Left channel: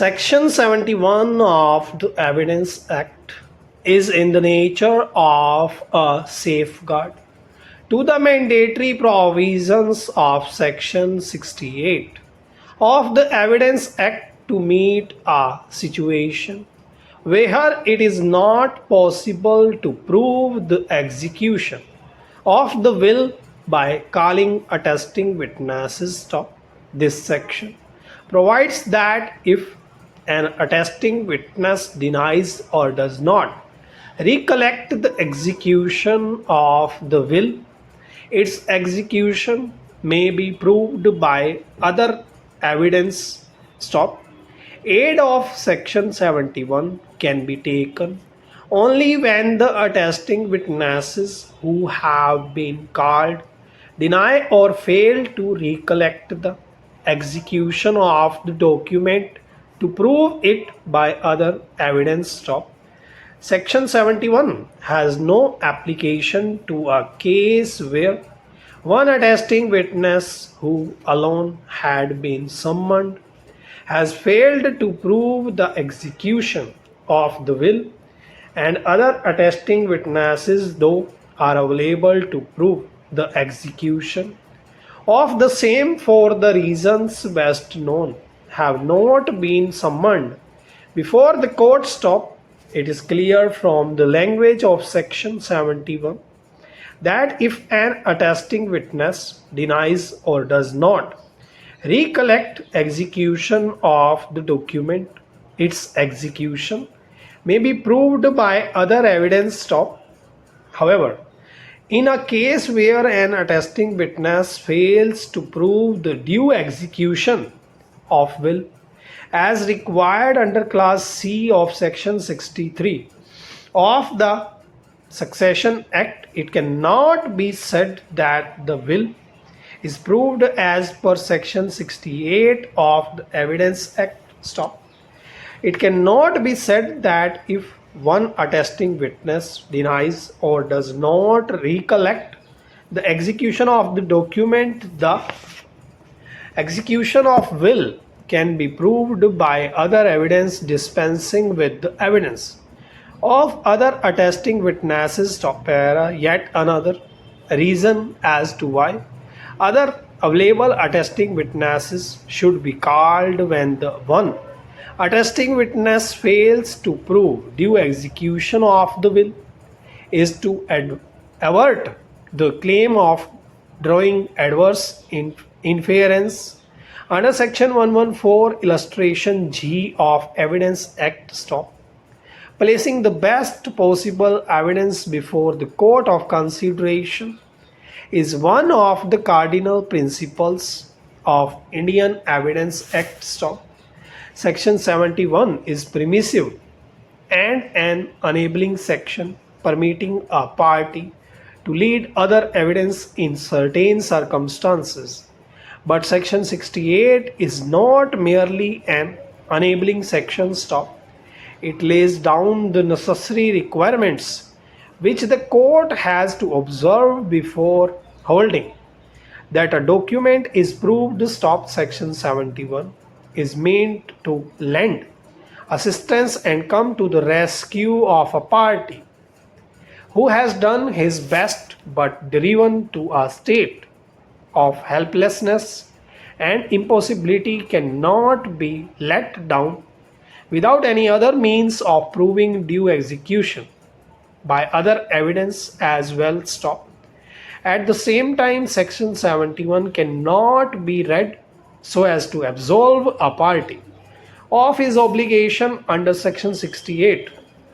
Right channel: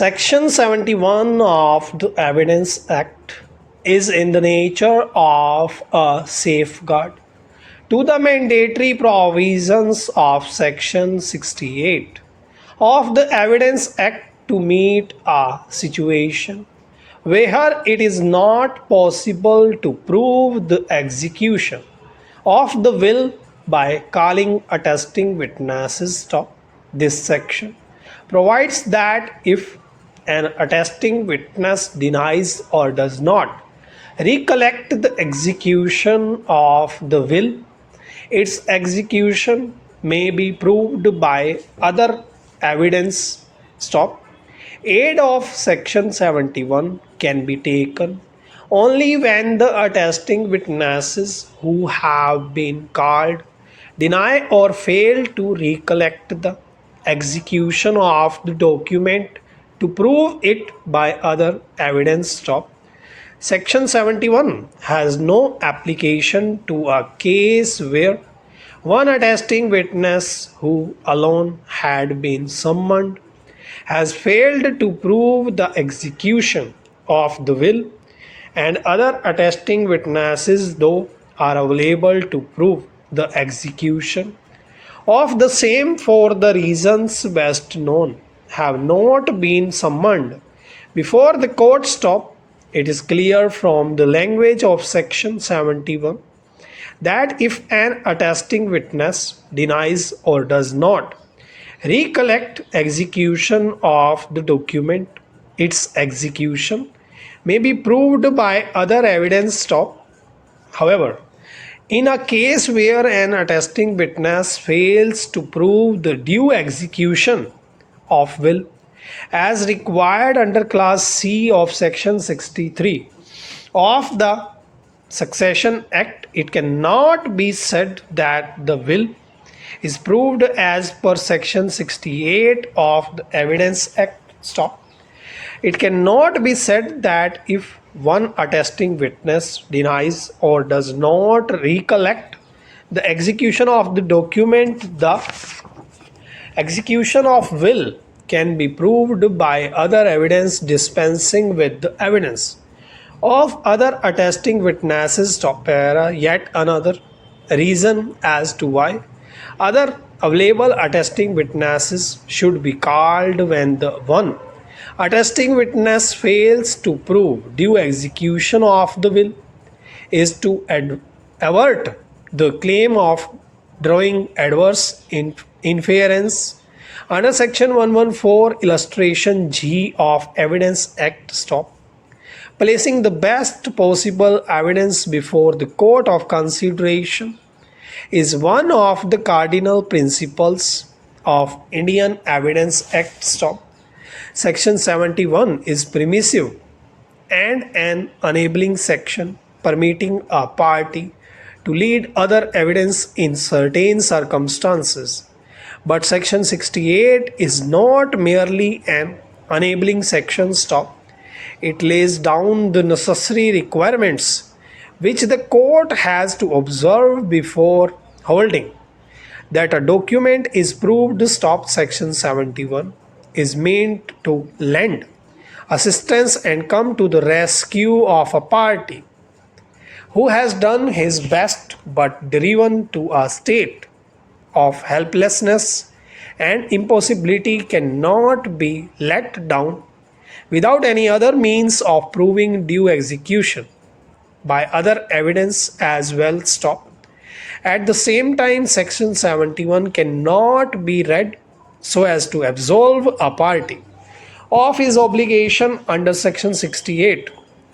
Section 71 of the Evidence Act is in the nature of a safeguard to the mandatory provisions of Section 68 of the Evidence Act to meet a situation where it is not possible to prove the execution of the will by calling attesting witnesses. This section provides that if an attesting witness denies or does not recollect the execution of the will, its execution may be proved by other evidence. Aid of Section 71 can be taken only when the attesting witnesses who have been called deny or fail to recollect the execution of the document to prove it by other evidence. Section 71 has no application to a case where one attesting witness who alone had been summoned has failed to prove the execution of the will, and other attesting witnesses, though are available to prove the execution of the same for the reasons best known, have not been summoned before the court. It is clear from the language of Section 71 that if an attesting witness denies or does not recollect execution of the document, its execution may be proved by other evidence. However, in a case where an attesting witness fails to prove the due execution of will as required under Clause C of Section 63 of the Succession Act, it cannot be said that the will is proved as per Section 68 of the Evidence Act. It cannot be said that if one attesting witness denies or does not recollect the execution of the document, the execution of will can be proved by other evidence dispensing with the evidence of other attesting witnesses. Yet another reason as to why other available attesting witnesses should be called when the one attesting witness fails to prove due execution of the will is to avert the claim of drawing adverse inference under Section 114 illustration G of Evidence Act. Placing the best possible evidence before the court of consideration is one of the cardinal principles of Indian Evidence Act. Section 71 is permissive and an enabling section permitting a party to lead other evidence in certain circumstances. But Section 68 is not merely an enabling section. It lays down the necessary requirements which the court has to observe before holding that a document is proved. Section 71 is meant to lend assistance and come to the rescue of a party who has done his best but driven to a state of helplessness and impossibility cannot be let down without any other means of proving due execution by other evidence as well. At the same time, Section 71 cannot be read so as to absolve a party of his obligation under Section 68,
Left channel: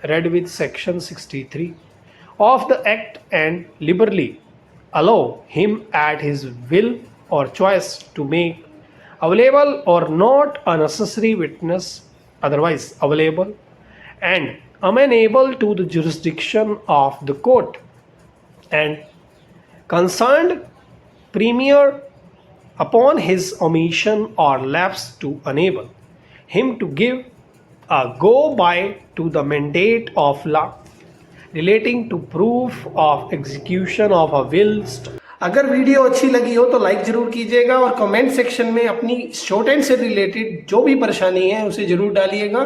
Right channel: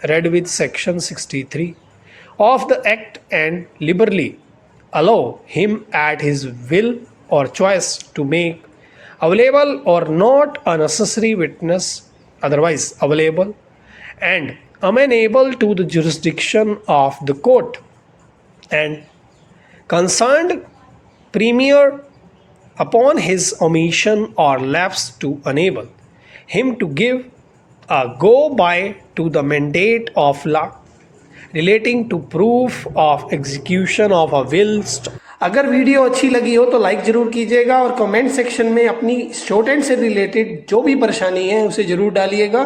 read with Section 63 of the Act, and liberally allow him at his will or choice to make available or not a necessary witness otherwise available and amenable to the jurisdiction of the court and concerned premier upon his omission or lapse to enable him to give a go-by to the mandate of law relating to proof of execution of a will. अगर video अच्छी लगी हो तो like जरूर कीजिएगा और comment section में अपनी शॉर्ट हैंड से रिलेटेड जो भी परेशानी है उसे जरूर डालिएगा।